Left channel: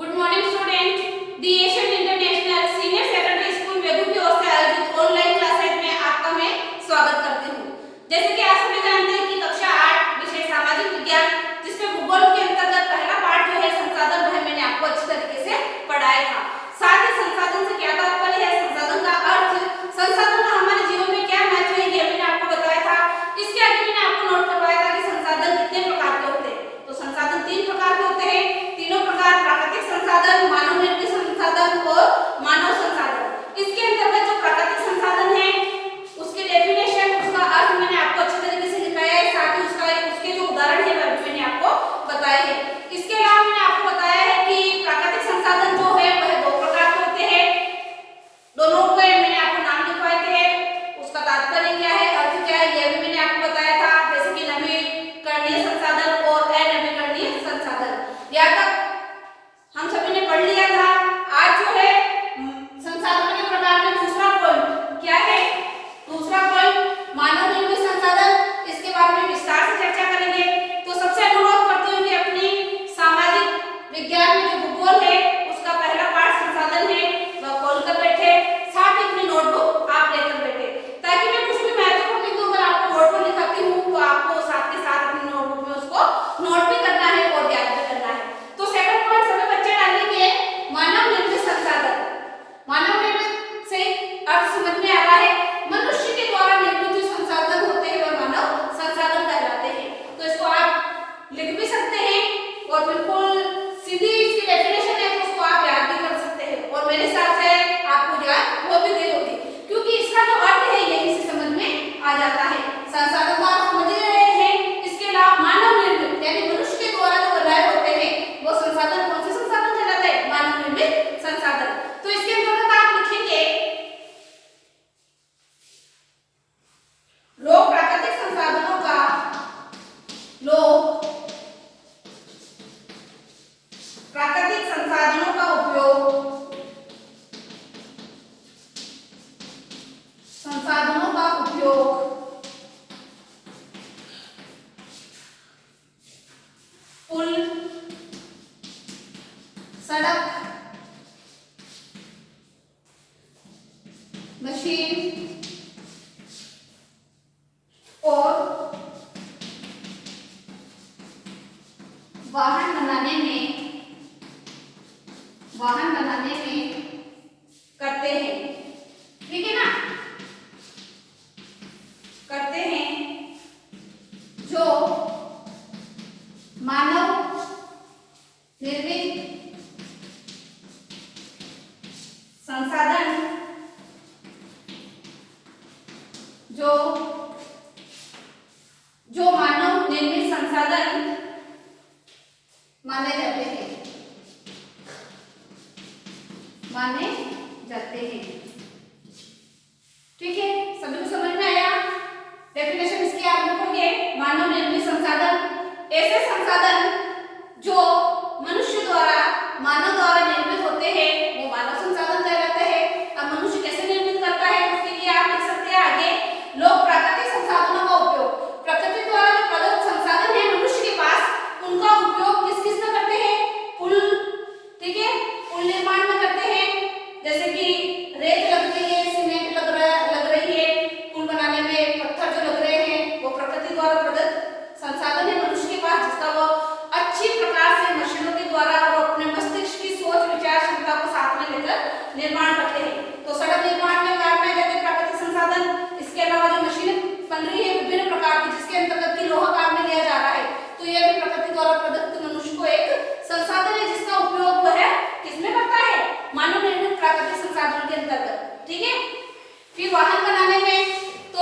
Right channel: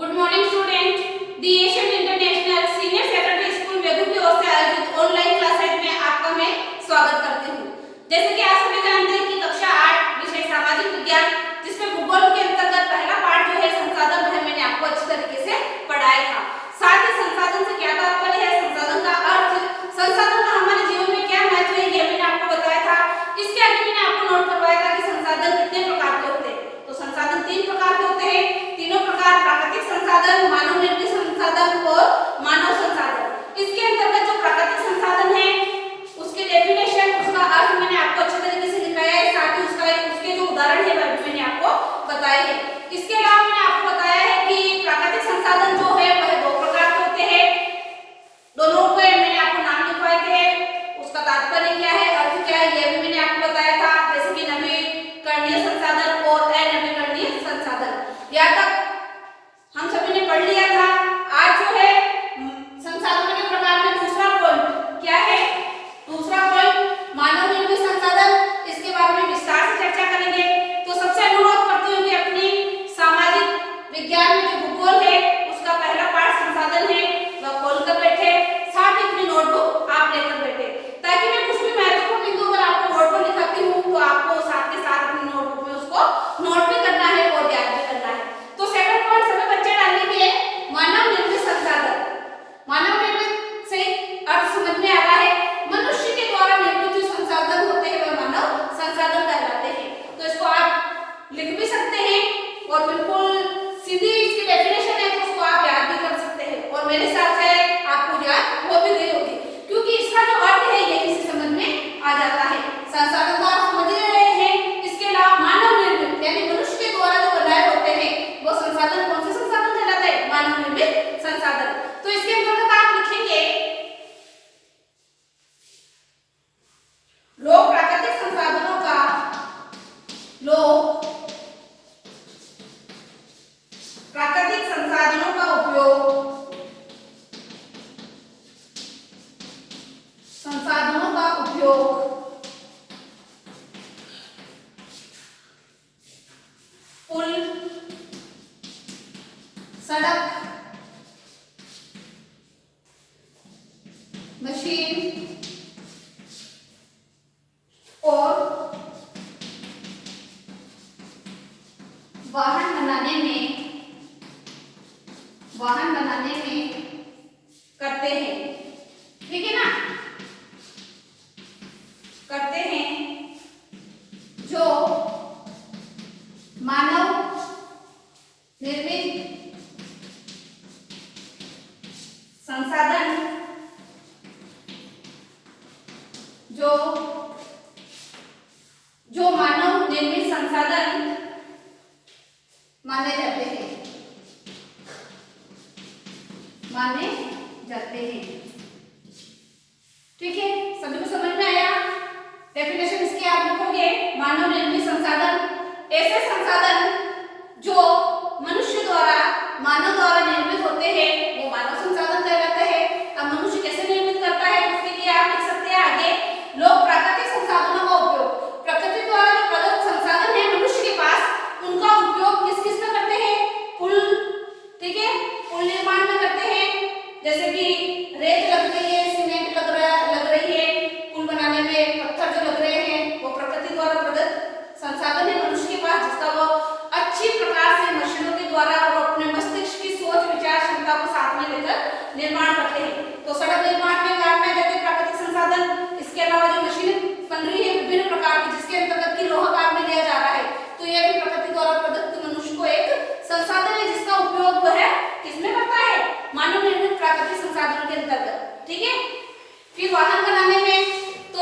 Good morning student. The Asian international senior secondary school वेगू की ओर से आयोजित ऑनलाइन क्लासेज में आपका मैं स्वागत करती हूँ। जैसे कि आप सभी जानते हैं कि कक्षा 8 विषय सामाजिक विज्ञान जिसमें भूगोल के अंतर्गत पहला पाठ जो है संसाधन वह मैंने आपको अच्छी तरीके से पढ़ाया था। साथ ही संसाधन से क्या तात्पर्य है, संसाधन का अर्थ, संसाधन का हमारे जीवन में क्या महत्व है ये मैंने आपको बताया था। इसके आगे मैंने आपको नोट करवाया था कि संसाधन कितने प्रकार के होते हैं। तो संसाधन 3 प्रकार के होते हैं। तीनों प्रकार प्राकृतिक संसाधन, मानव निर्मित संसाधन और मानव संसाधन। इसके अंतर्गत जो प्राकृतिक संसाधन है उसके डेफिनेशन, उसका अर्थ मैंने आपको अच्छे तरीके से दिखाया है। साथ ही उसके जो उदाहरण है वह मैंने आपको बताए हैं। इसके अलावा मैंने आपको बताया है कि प्राकृतिक संसाधन जो है वह 2 प्रकार के होते हैं। दोनों को मैंने आपको नाम लिखवाए थे, उसका तात्पर्य क्या है, अर्थ क्या है, ये भी मैंने आपको बताया था। जैसे कि नवीकरणीय संसाधन और अनवीकरणीय संसाधन। यहाँ तक हम सभी ने पढ़ लिया था। आज जो है संसाधनों के प्रकार में दूसरा पॉइंट क्या है, दूसरा पॉइंट मानव निर्मित संसाधन। इसके बारे में विस्तार से चर्चा करेंगे। तो सबसे अनुरोध करती हूँ कि अपनी सामाजिक विज्ञान में जो भूगोल है उसका पहला पाठ संसाधन है वह खोल कर बैठे, साथ ही अपनी नोटबुक आप लेकर बैठे, ताकि मैं कुछ भी महत्वपूर्ण बिंदु अगर आपको बोर्ड पर दिखाती हूँ तो आपको साथ के साथ अपनी नोटबुक में उसको नोट भी करना है और याद भी करना है। तो सेकंड पॉइंट सभी बच्चे डालेंगे मानव निर्मित संसाधन। मानव निर्मित से अर्थ समझ में आ रहा है, मनुष्य के द्वारा निर्मित जो संसाधन होते हैं वह मानव संसाधन कहलाते हैं। तो इसको आप लिख भी सकते हैं और बिल्कुल सीधी इसकी डेफिनेशन है तो उसको आप याद भी कर सकते हैं और मेरे साथ है आपको याद हो भी गई होगी, क्योंकि इसका जो अर्थ है यही से समझ में आ जाता है। संसाधन को आप समझ रहे हैं। इसके अलावा मानव निर्मित यानी मनुष्य के द्वारा जो बनाए होते हैं वो संसाधन कौन से संसाधन कहलाते हैं, मानव निर्मित संसाधन। तो इसके अंतर्गत आप लिखेंगे लोग प्राकृतिक संसाधनों का उपयोग पुल, सड़क, मशीन और वाहन बनाने में करते हैं। ठीक है ना, करते हैं जो मानव निर्मित संसाधन जो मानव निर्मित संसाधन माने जाते हैं। ठीक है, सभी को समझ में आया। डेफिनेशन इसकी आप लिखोगे मानव निर्मित संसाधन ऐसे संसाधन जो मनुष्य द्वारा मानव द्वारा निर्मित होते हैं वो मानव संसाधन कहलाते हैं। अब मनुष्य कैसे निर्मित करता है उसके लिए आप लिख सकते हैं आगे लोग प्राकृतिक संसाधनों का उपयोग, प्रकृति द्वारा जो प्रदत्त संसाधन है मनुष्य के पास उनका उपयोग किस किस में करते हैं, पुल, ठीक है, पुल निर्माण में करते हैं। जैसे कि रेत लग रही है, सीमेंट लग रही है, पुल बनाने में पत्थर जो लग रहे हैं वो प्रकृति द्वारा प्रदत्त संसाधन है मनुष्य के पास, जिसका वो अच्छी प्रकार से मशीनों के द्वारा और अपने मस्तिष्क की सोच विचार क्षमता को साथ में लेकर निर्माण करते हैं। तो सड़क निर्माण में काम में जाते प्राकृतिक संसाधन। इसके अलावा जो मशीनें बन रही है विभिन्न प्रकार की जिसके अंतर्गत की लोहा काम में लिया जा रहा है, तो यह भी प्रकृति द्वारा प्रदत्त मनुष्य को एक संसाधन है जिसका उपयोग वह किसमें करता है, मानव निर्मित प्राकृतिक संसाधनों के अंतर्गत। ठीक है, फिर वाहन बनाने में तो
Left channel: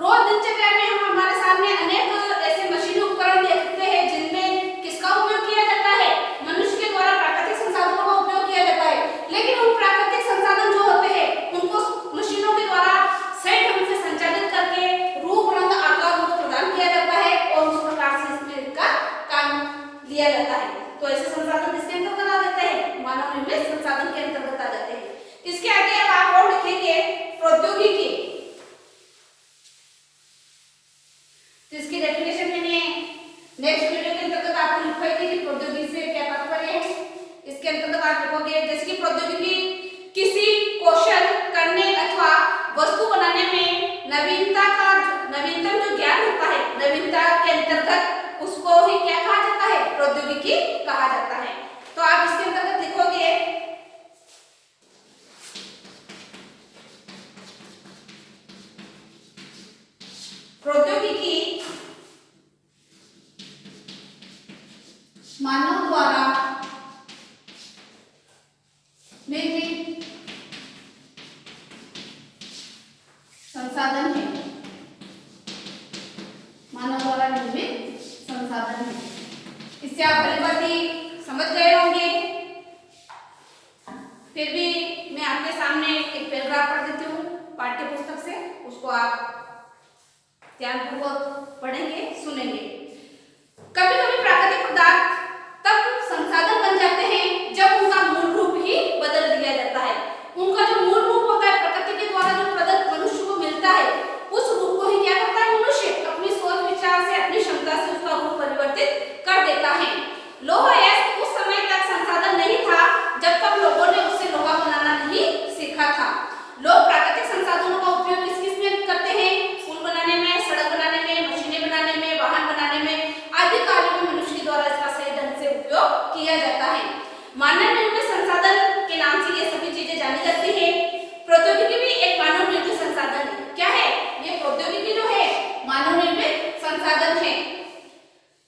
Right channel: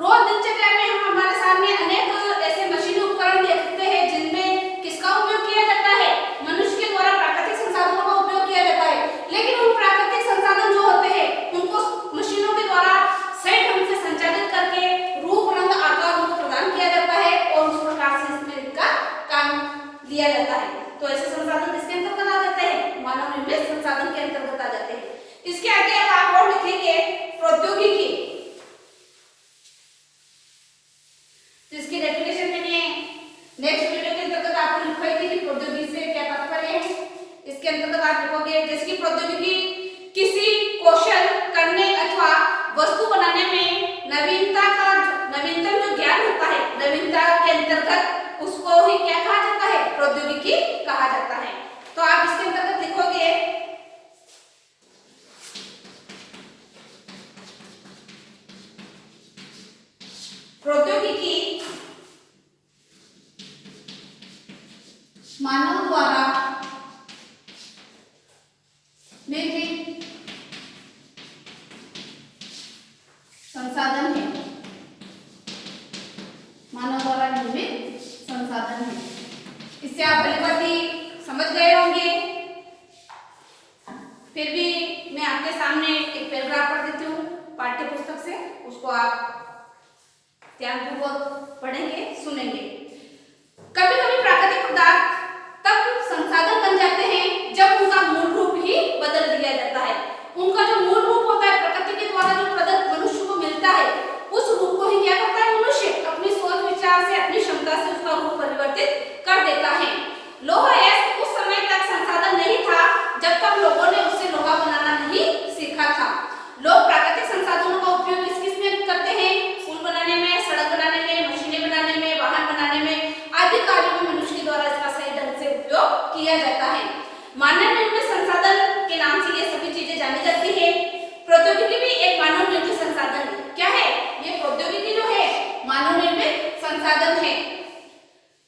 रोज दिनचर्या में हम हमारे सामने अनेक ऐसे मशीनी उपकरण देखते हैं जिनमें किसका उपयोग किया जाता है, मनुष्य के द्वारा प्राकृतिक संसाधनों का उपयोग किया जाता है। लेकिन उन प्राकृतिक संसाधन जो इसके अंतर्गत आप देखोगे जैसे कि प्रौद्योगिकी किसी कौशल करने अथवा वस्तु बनाने में नवीनतम जो ज्ञान होता है, नवीनता के अंतर्गत उसको ही क्या कहा जाता है, प्रौद्योगिकी कहा जाता है। तो आप इसके अंतर्गत लिखोगे प्रौद्योगिकी मानव द्वारा निर्मित संसाधन है, मानव द्वारा निर्मित संसाधन है। इससे आप भली भांति समझ गए होंगे। फिर भी मैं आपके सामने एक पैराग्राफ पढ़ देती हूँ पाठ्य पुस्तक से, उसको आप ध्यानपूर्वक पढ़ेंगे, सुनेंगे। कभी कभी प्राकृतिक पदार्थ तब संसाधन बन जाते हैं जब उनका मूल रूप ही बदल दिया जाता है। उनका जो मूल रूप होता है, प्रकृति के द्वारा जो प्रदत्त मनुष्य को मिलता है, उस रूप को ही क्या करता है मनुष्य अपनी सोच विचार से, अपनी क्षमता से उसका रूप परिवर्तित कर देता है। लोहा ऐसा उस समय तक संसाधन नहीं था जब तक लोगों ने उससे लोहा बनाना नहीं सीखा था। लोग प्राकृतिक संसाधनों का उपयोग किस किस में करते हैं, पुल बनाने में, सड़क बनाने में, मशीनें बनाने में, वाहन बनाने में आदि कार्यों में मनुष्य के द्वारा इसका सही ढंग से उपयोग किया जाता है। मानव निर्मित संसाधन के नाम से ये सभी चीजें जानी जाती है। प्रौद्योगिकी भी एक मानव निर्मित संसाधन है। क्या है ये प्रौद्योगिकी जो है, मानव निर्मित संसाधन है।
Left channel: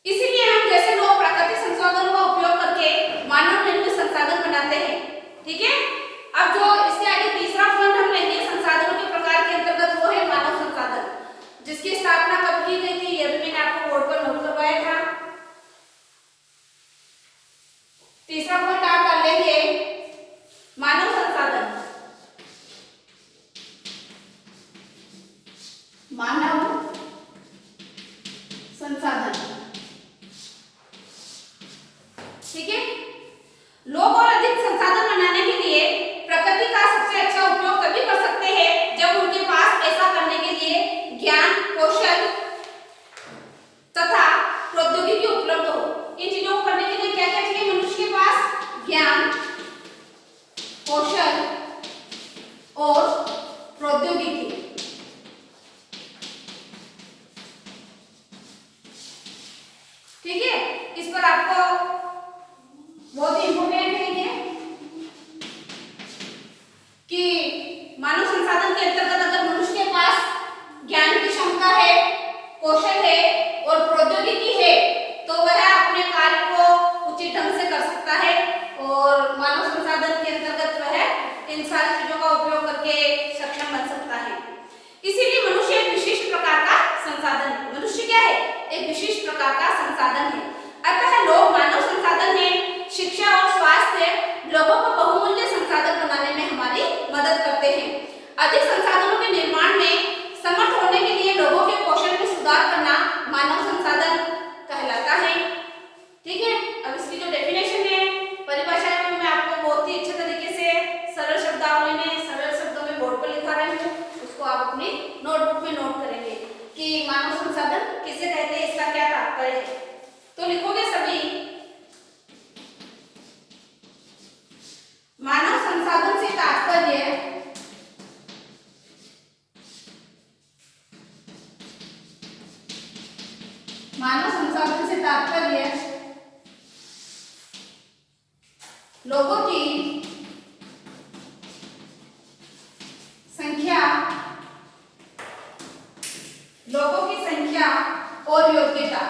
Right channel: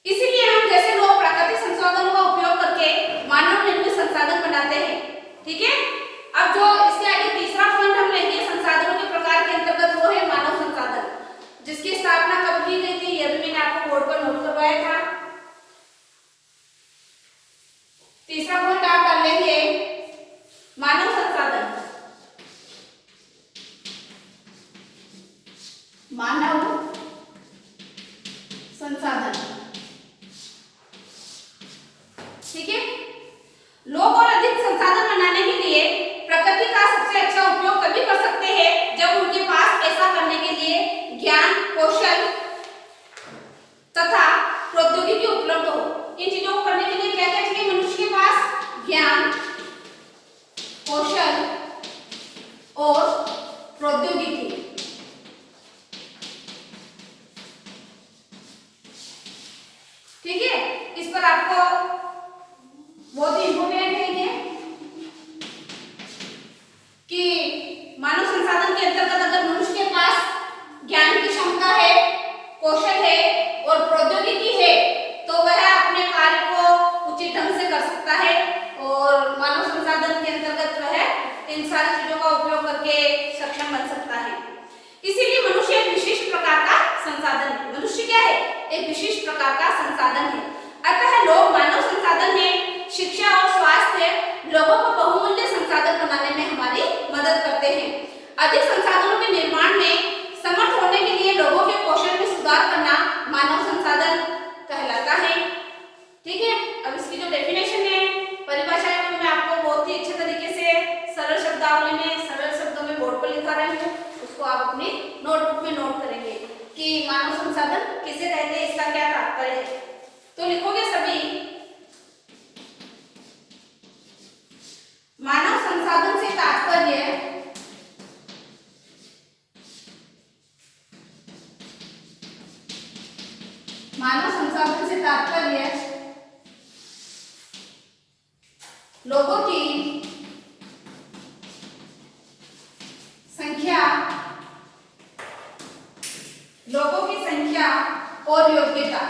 इसीलिए हम जैसे लोग प्राकृतिक संसाधनों का उपयोग करके मानव निर्मित संसाधन बनाते हैं। ठीक है, अब जो इसके आगे तीसरा पॉइंट हम लेंगे संसाधनों के प्रकार के अंतर्गत, वो है मानव संसाधन, जिसकी स्थापना कब की गई थी ये भी मैंने आपको बोर्ड पर नोट करवाया था। तीसरा पॉइंट आप कर लेंगे मानव संसाधन, मानव संसाधन। ठीक है, लोग और अधिक संसाधन बनाने के लिए प्रकृति का सबसे अच्छा उपयोग तभी कर सकते हैं जब उनके पास ऐसा करने के लिए ज्ञान, कौशल तथा प्रौद्योगिकी उपलब्ध हो। इन चीजों को करने के लिए क्या क्या चाहिए मनुष्य के पास, ज्ञान, कौशल और प्रौद्योगिकी। ठीक है, इस पर आपको बहुत ही इंपोर्टेंट है ये कि मानव संसाधन के अंतर्गत अगर मनुष्य के पास ज्ञान की क्षमता है, कौशल है और प्रौद्योगिकी है तो वह अपने कार्य को उचित ढंग से कर सकता है और मानव संसाधन के अंतर्गत वह इन सारी चीजों का उपयोग करके सक्षम बन सकता है। इसीलिए मनुष्य एक विशिष्ट प्रकार का संसाधन है। मनुष्य क्या है, एक विशिष्ट प्रकार का संसाधन है। अतः लोग मानव संसाधन है। शिक्षा और स्वास्थ्य लोगों को बहुमूल्य संसाधन बनाने में हमारी मदद करते हैं। अधिक संसाधनों के निर्माण में समर्थ होने के लिए लोगों के कौशल में सुधार करना मानव संसाधन कहलाता है। ठीक है, अब इसकी जो डेफिनेशन है, परिभाषा है, मैं आपको बहुत ही अच्छे तरीके से सरल शब्दावली में, सरल शब्दों में बोर्ड पर लिखा रही हूँ। उसको आप अपनी नोटबुक में नोट करेंगे कि मानव संसाधन किसे कहते हैं, इसका क्या तात्पर्य है। तो लिखोगे सभी, मानव संसाधन से तात्पर्य लोगों की संख्या और योग्यता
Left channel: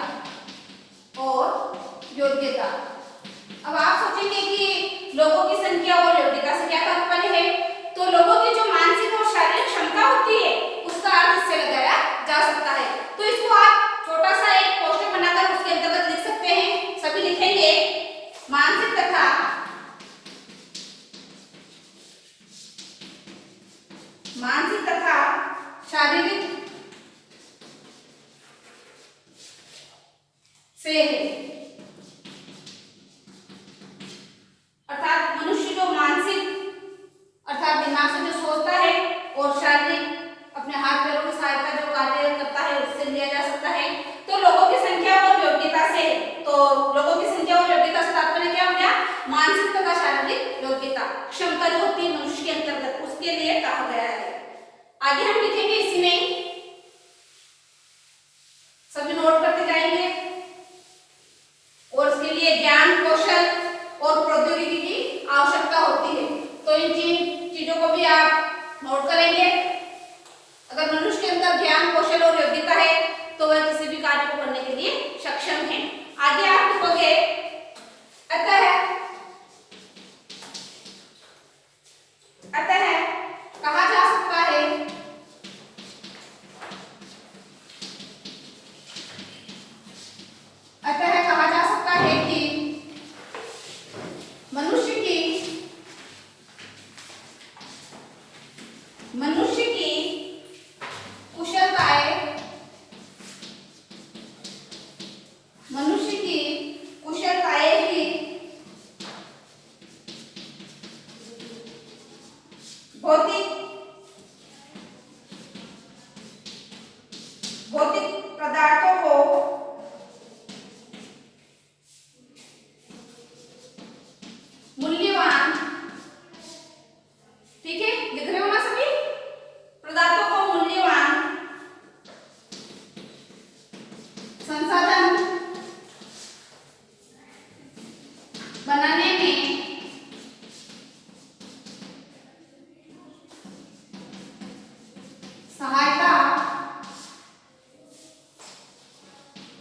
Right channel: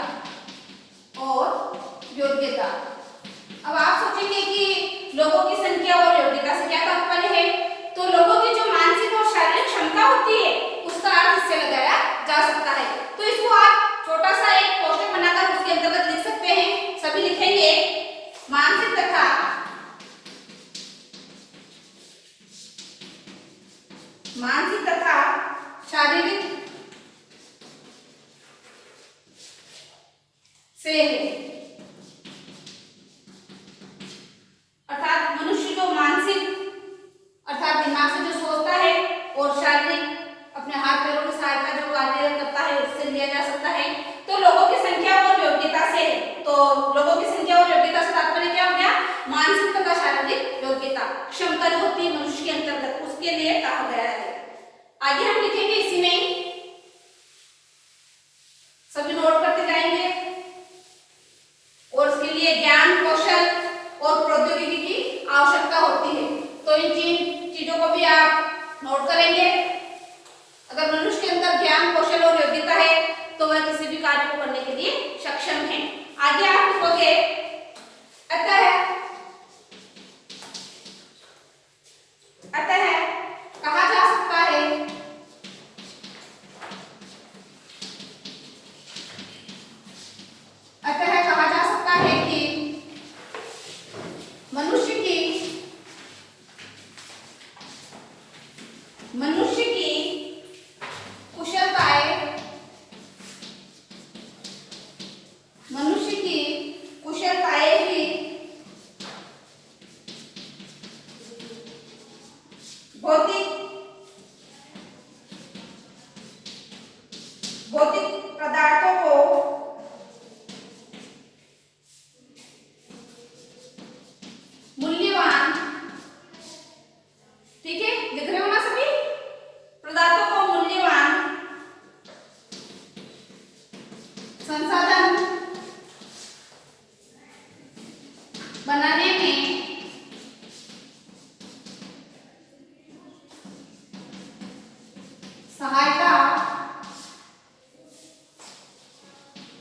अब आप सोचेंगे कि लोगों की संख्या और योग्यता से क्या तात्पर्य है, तो लोगों की जो मानसिक और शारीरिक क्षमता होती है उसका अर्थ इससे लगाया जा सकता है। तो इसको आप छोटा सा एक पोस्टर बनाकर उसके अंतर्गत लिख सकते हैं। सभी लिखेंगे मानसिक तथा शारीरिक से अर्थात मनुष्य जो मानसिक अर्थात दिमाग से जो सोचता है और शारीरिक अपने हाथ पैरों की सहायता जो कार्य करता है उससे लिया जा सकता है। तो लोगों की संख्या और योग्यता से, तो लोगों की संख्या और योग्यता से तात्पर्य क्या हो गया, मानसिक तथा आधारित योग्यता, क्षमता जो होती है मनुष्य के अंतर्गत, उसके लिए कहा गया है। आगे हम लिखेंगे इसी में, सभी नोट करते जाएंगे। और इसके लिए ज्ञान, कौशल और प्रौद्योगिकी की आवश्यकता होती है। तो इन तीन चीजों को भी आप नोट करेंगे। अगर मनुष्य के अंदर ज्ञान, कौशल और योग्यता है तो वह किसी भी कार्य को करने के लिए सक्षम है। आगे आप लिखोगे अतः कहा जा सकता है कि मनुष्य की कुशलताएं ही भौतिक पदार्थों को मूल्यवान, ठीक है, लिख रहे हो ना सभी, पदार्थों को मूल्यवान संसाधन बनाने में सहायता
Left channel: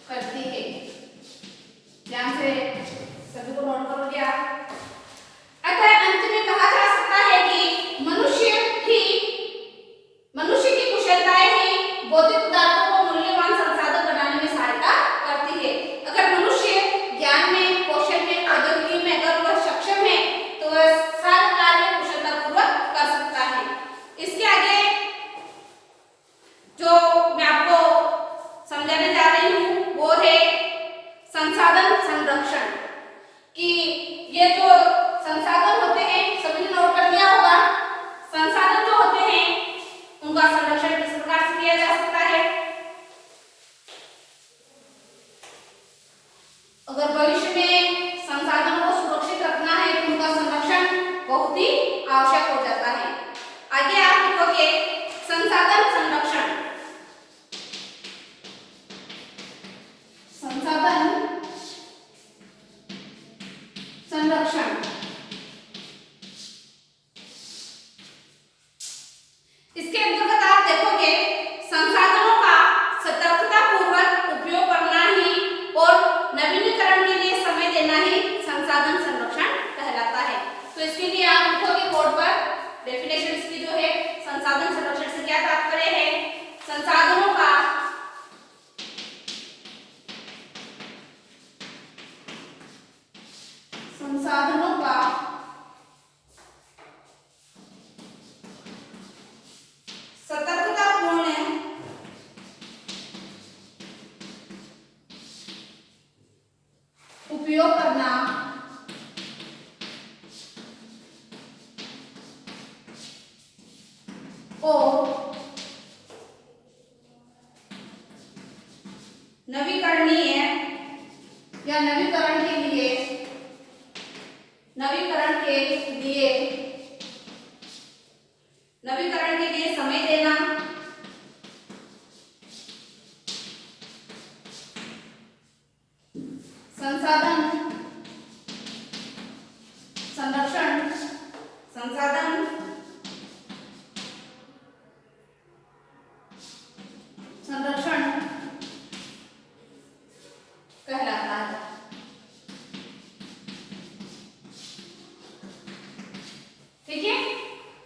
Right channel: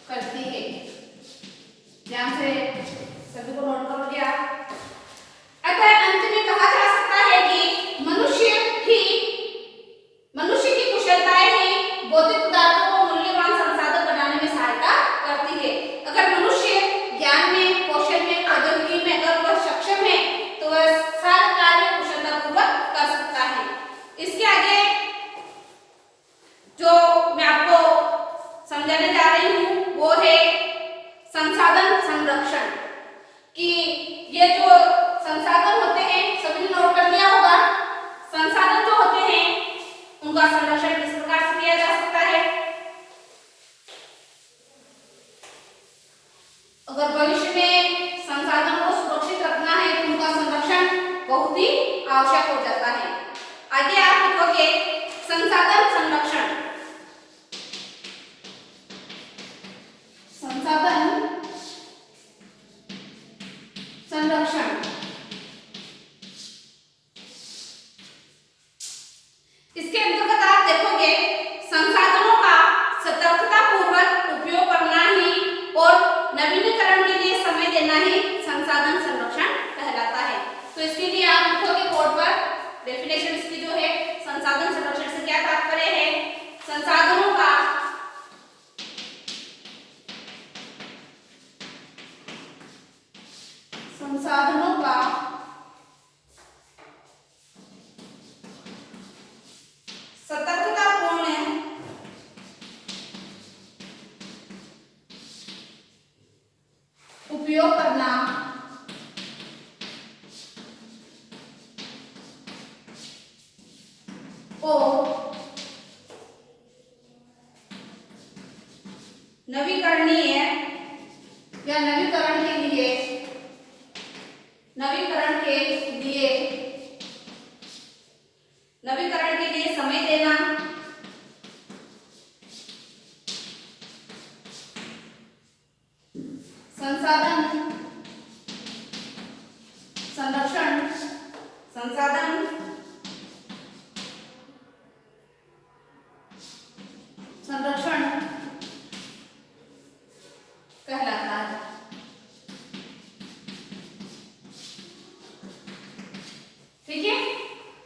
करती है। ध्यान से सभी को नोट करोगे आप। अतः अंत में कहा जा सकता है कि मनुष्य की कुशलताएं ही भौतिक पदार्थों को मूल्यवान संसाधन बनाने में सहायता करती है। अगर मनुष्य ज्ञान में, कौशल में, प्रौद्योगिकी में अगर वह सक्षम है तो वह सारा कार्य कुशलतापूर्वक कर सकता है। इसके आगे जो मैं आपको समझाने जा रही हूँ वो है संसाधन संरक्षण। कि ये जो संसाधन होते हैं, सभी ने नोट कर लिया होगा, संसाधन जो होते हैं उनका संरक्षण किस प्रकार से किया जा सकता है। अगर भविष्य में संसाधनों को सुरक्षित रखना है तो उनका संरक्षण बहुत ही आवश्यक हो जाता है। आगे आप लिखोगे संसाधन संरक्षण। संसाधन संरक्षण इसके अंतर्गत आप देखोगे संसाधनों का सतर्कतापूर्वक उपयोग करना ही और नवीनीकरण के लिए समय देना ही संसाधन संरक्षण कहलाता है। तो इसके लिए आप लिखोगे बोर्ड पर डेफिनेशन इसकी जो है, संसाधन संरक्षण से क्या तात्पर्य है, संसाधनों का सतर्कतापूर्ण उपयोग करना और नवीकरणीय या नवीकरण के लिए समय देना, संसाधन संरक्षण कहलाता है। ठीक है,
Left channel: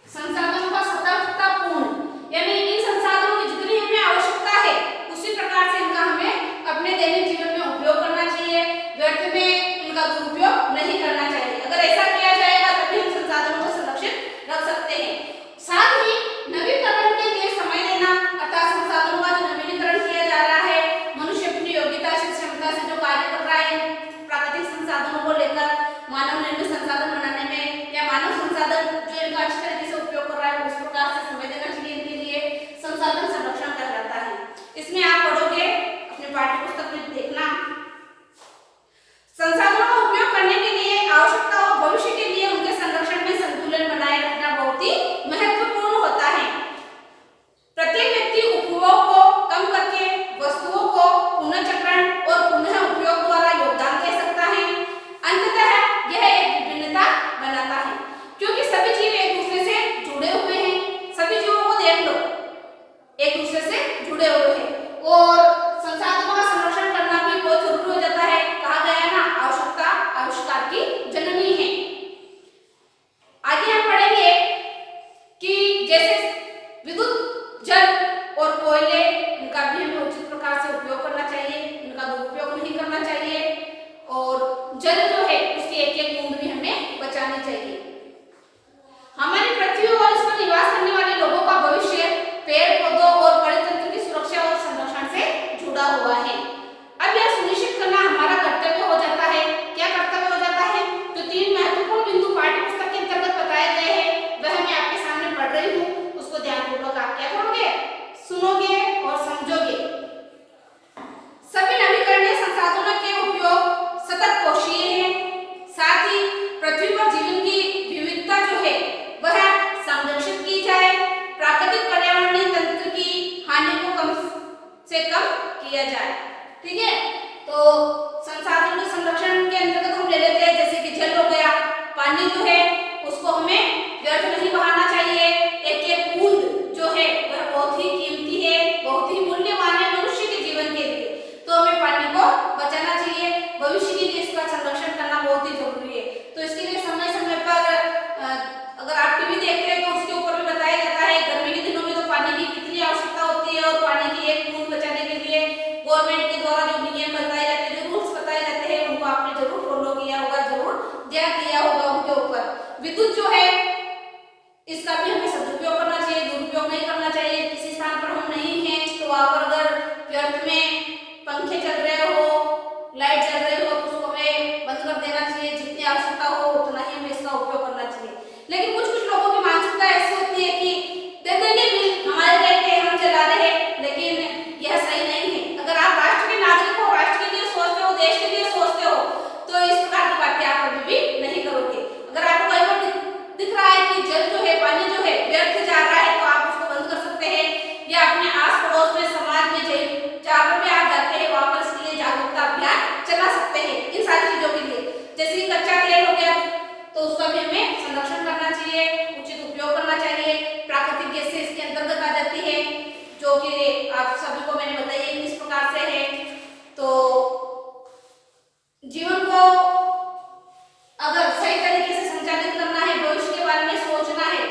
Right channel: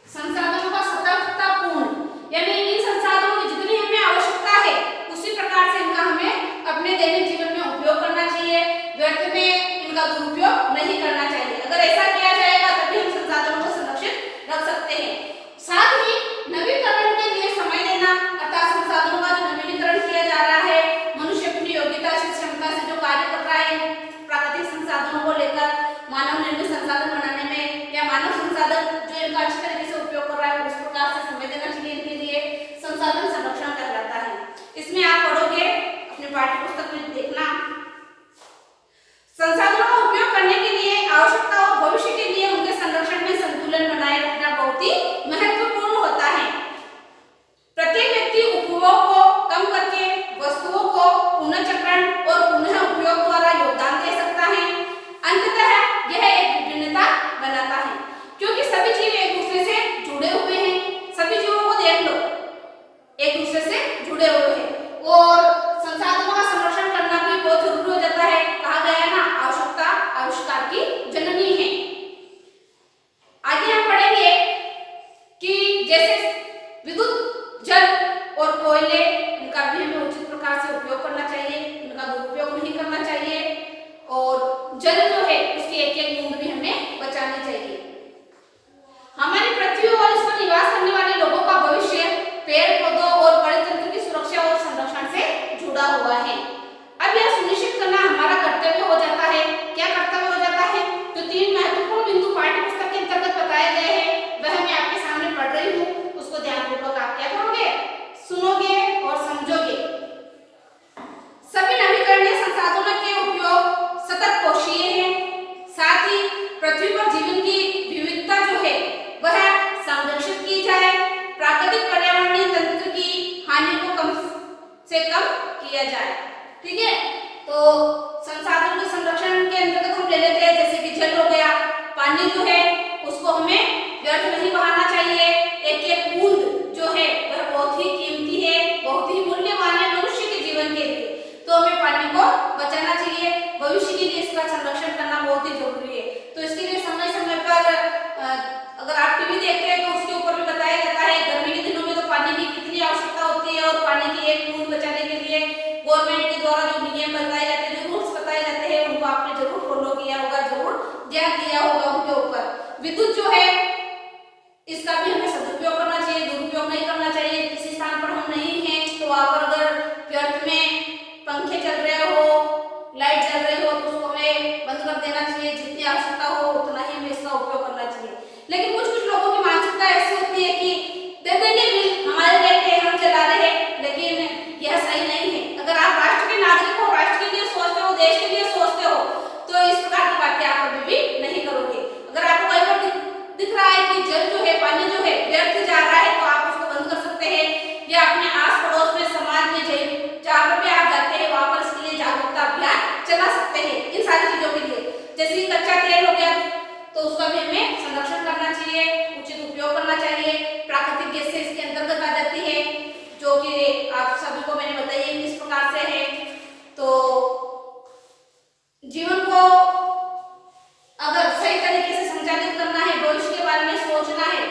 संसाधनों का सतर्कतापूर्ण, यानी इन संसाधनों की जितनी हमें आवश्यकता है उसी प्रकार से इनका हमें अपने दैनिक जीवन में उपयोग करना चाहिए, व्यर्थ में इनका दुरुपयोग नहीं करना चाहिए। अगर ऐसा किया जाएगा तभी हम संसाधनों को संरक्षित रख सकते हैं। बनाता है, क्योंकि सभी जीव एक दूसरे से जुड़े हुए हैं। सभी जीवों को देख लो, एक दूसरे से जुड़े हुए हैं और संसाधनों का संरक्षण करना भी बहुत जरूरी हो जाता है। कहा गया ना, आवश्यकता आविष्कार की जननी है। आगे हम पढ़ेंगे कि जैसे विद्युत, जल और कोयले, इनका भी हमें उचित प्रकार से उपयोग करना चाहिए, इनका दुरुपयोग नहीं करना चाहिए और जल जो है उसकी एक एक बूंद भी हमें बचानी चाहिए। हमारी पृथ्वी और इस पर निवास करने वाले लोगों का भविष्य पेड़ पौधों और परितंत्र की सुरक्षा और संरक्षण से जुड़ा हुआ है। अब यह सुनिश्चित करना हमारा कर्तव्य हो जाता है। क्या कर्तव्य हो जाता है? जो 3 महत्वपूर्ण बिंदु पाठ्य पुस्तक के अंतर्गत बताए गए हैं वह मैं आपके सामने पढ़ रही हूँ, उसको ध्यानपूर्वक आप क्या करोगे, सुनोगे और समझोगे। सभी नवीकरणीय संसाधनों के उपयोग सतत पोषणीय है, साथ ही पृथ्वी पर जीवन की विविधता जो है वह संरक्षित की जाए, प्राकृतिक पर्यावरणीय तंत्र की हानि को कम से कम किया जाए। ठीक है, तो संसाधन के संरक्षण के अंतर्गत हम ले लेते हैं जैसे कि जल हो गया, पानी जो है उसको हमें व्यर्थ नहीं बहाना चाहिए। एक एक बूंद जो है वह बहुत ही कीमती है, बहुत ही मूल्यवान है मनुष्य के जीवन के लिए, तो हमें पानी को बचाना चाहिए। भविष्य के लिए इसका संरक्षण करना बहुत ही जरूरी है। तो इसके लिए समय समय पर अगर आप टीवी देखते हैं तो उसके ऊपर भी बताया जाता है गर्मी के दिनों में तो पानी की कितनी आवश्यकता होती है और पानी की एक बूंद बचाने के लिए गवर्नमेंट के द्वारा जो नियम बताए जाते हैं, जो रूल्स बताए जाते हैं, उनको आपने जरूर फॉलो किया होगा, जरूर ध्यान दिया होगा उनके ऊपर। विद्युत जो है इसका भी हमें सदुपयोग करना चाहिए, दुरुपयोग नहीं करना चाहिए। किसी स्थान पर हम नहीं हैं तो वहां पर अगर व्यर्थ में पंखे चल रहे हो, लाइट चल रही हो तो उसको हमें बंद कर देना चाहिए। जितनी आवश्यकता हो उतना ही हमें इसका उपयोग करना चाहिए। लेकिन कुछ कुछ लोगों की मानसिकता ऐसी होती है कि दे देंगे बिल, हमारे लेके हम चला रहे हैं, लेकिन यह सही नहीं है। अगर आप राष्ट्र के नागरिक हो, राष्ट्र के लिए सोचते हो, देश के लिए सोचते हो, तो इस प्रकार की बातें आप कभी भी नहीं करोगे। अगर आपको कहीं पर दिख रहा है कि जल जो है, पानी जो है व्यर्थ जा रहा है तो आप उसको बंद कर सकते हैं, या अपने आस पड़ोस में, समाज में जहाँ पर भी आप जाते हैं वहां पर इसके लिए जागरूकता अभियान चला सकते हैं। इन सारी चीजों के लिए जैसे कच्चा तेल हो गया तो उसका भी हमें संरक्षण करना चाहिए, उचित उपयोग करना चाहिए। प्राकृतिक गैसें इसके अंतर्गत आ जाती है जो कि आप सभी को मैंने बताई है किस प्रकार से है। तो जीवन को अगर सही तरीके से संचालित करना है, भविष्य के बारे में सोचना है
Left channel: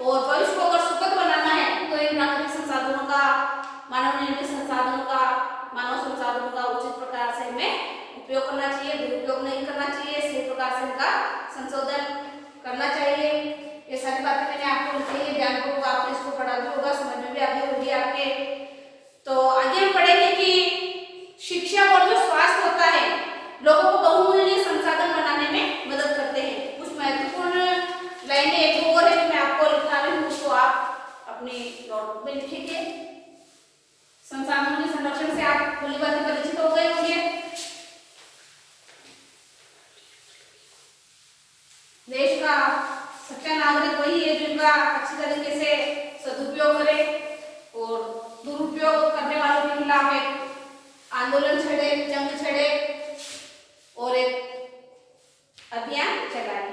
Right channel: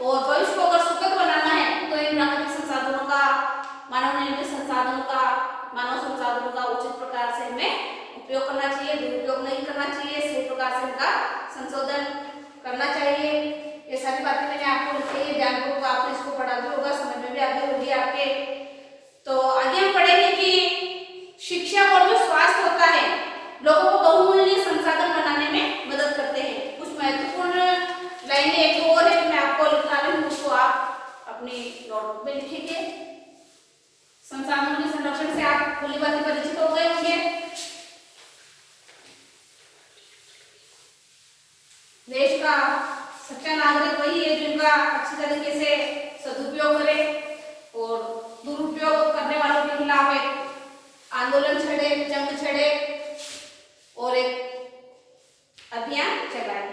और भविष्य को अगर सुखद बनाना है तो इन प्राकृतिक संसाधनों का, मानव निर्मित संसाधनों का, मानव संसाधनों का उचित प्रकार से हमें उपयोग करना चाहिए, दुरुपयोग नहीं करना चाहिए, सही प्रकार से इनका संशोधन करना चाहिए। ये सारी बातें मैंने आपको लिखी है, बैंकों को आपने इसको पढ़ा भी होगा, समझ में भी आ गई होगी आपके। तो आगे हम पढ़ेंगे कि शिक्षा और जो स्वास्थ्य होता है लोगों को बहुमूल्य संसाधन बनाने में मदद करते हैं। कुछ महत्वपूर्ण लाइनें एक और है, मैं आपको लिखा रही हूँ, उसको आप अपनी नोटबुक में लिखेंगे। संसाधनों के संरक्षण से आप भली भांति परिचित हो गए होंगे। देश का सच्चा नागरिक वही है जिनका अच्छी तरीके से सदुपयोग करे और दुरुपयोग करने वालों के खिलाफ एक आंदोलन छेड़े, जंग छेड़े और एक अभियान चलाए।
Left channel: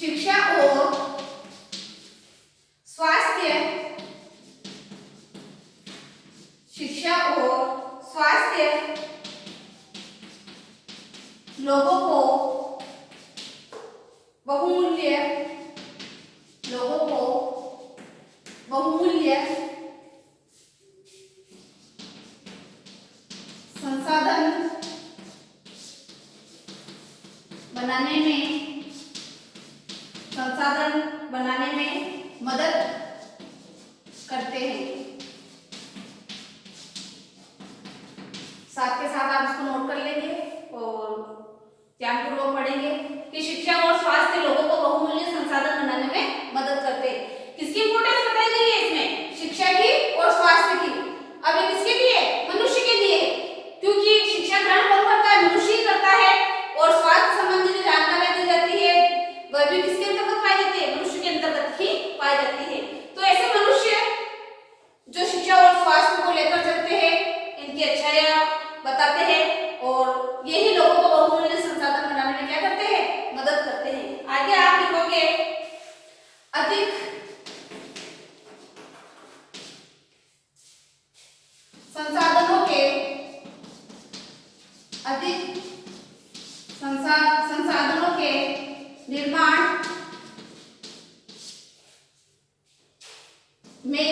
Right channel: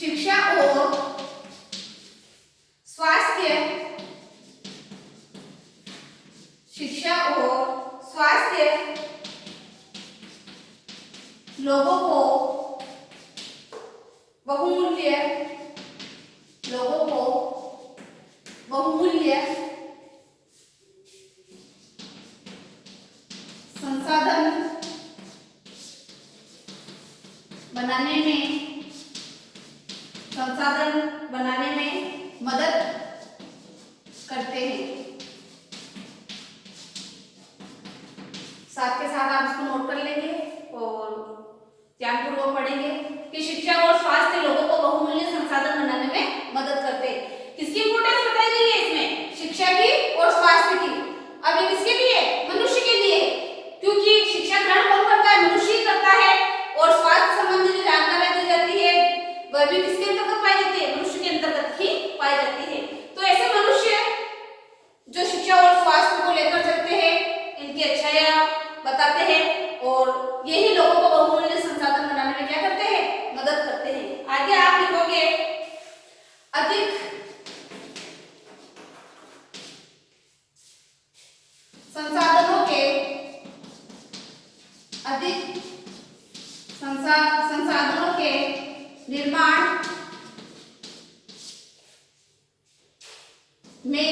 शिक्षा और स्वास्थ्य, शिक्षा और स्वास्थ्य लोगों को बहुमूल्य संसाधन बनाने में मदद करते हैं। साथ के साथ आप इसको नोट कर लेंगे और ध्यानपूर्वक पढ़ेंगे कि शिक्षा और स्वास्थ्य लोगों को बहुमूल्य संसाधन बनाने में मदद करते हैं। किसकी इंपोर्टेंस बताई गई है इसमें? शिक्षा की और स्वास्थ्य की। अब ये किसके लिए? मनुष्य के लिए, क्योंकि शिक्षा ग्रहण कौन करता है? मनुष्य ही करता है। और स्वास्थ्य संबंधी जो जानकारियां दी जाती है वह भी किसके अंतर्गत पाई जाती है? मनुष्य के अंतर्गत ही पाई जाती है। तो ऐसे मनुष्य जो शिक्षा और स्वास्थ्य को लेकर चलते हैं, इनकी अच्छाइयां बताते हैं और यही लोगों को संसाधनों के निर्माण में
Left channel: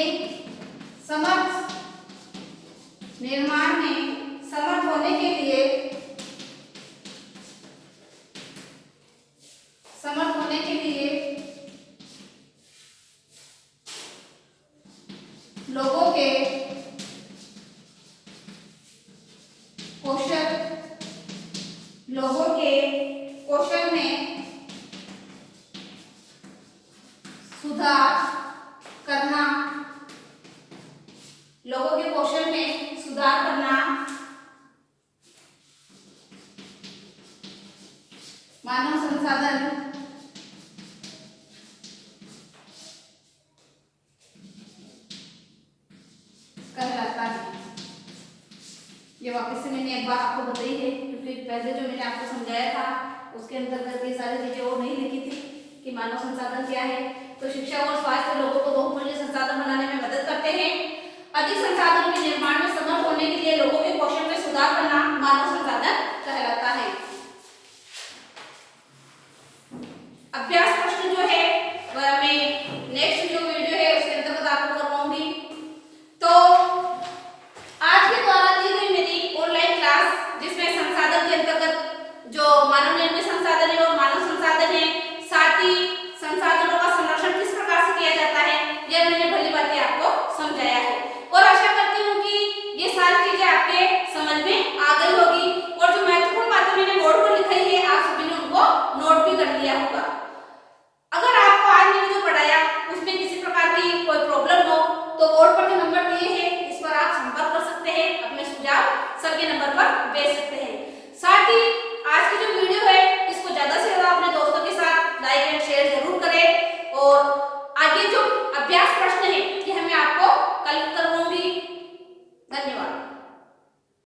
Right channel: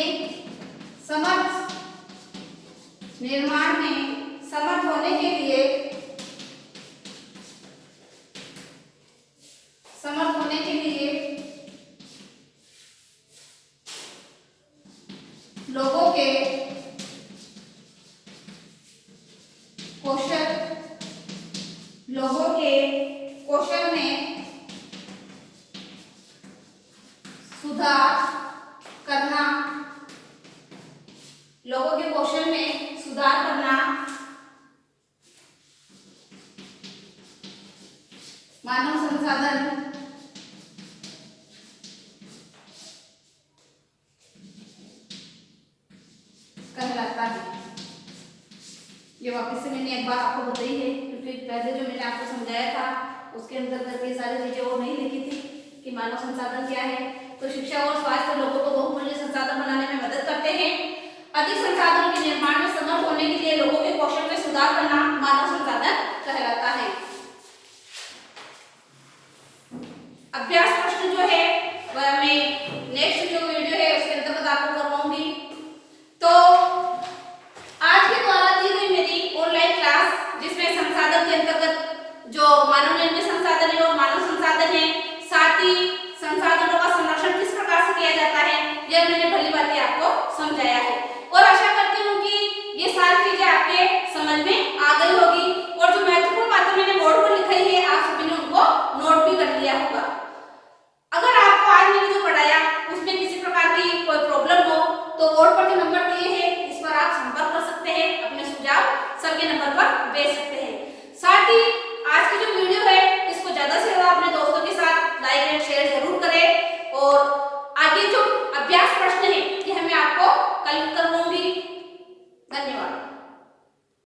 समर्थ होने के लिए लोगों के कौशल में सुधार करना मानव संसाधन कहलाता है। ये वापस से मैंने एक बार आपको बताई है, क्योंकि पहले जो मैंने आपको समझाया था उसके अंतर्गत ये सारी चीजें और नहीं लिखी थी कि मानव संसाधन क्या है। तो शिक्षा और स्वास्थ्य लोगों को बहुमूल्य संसाधन बनाने में मदद करते हैं। अधिक संसाधनों के निर्माण में समर्थ होने के लिए लोगों के कौशल में सुधार करना मानव संसाधन कहलाता है।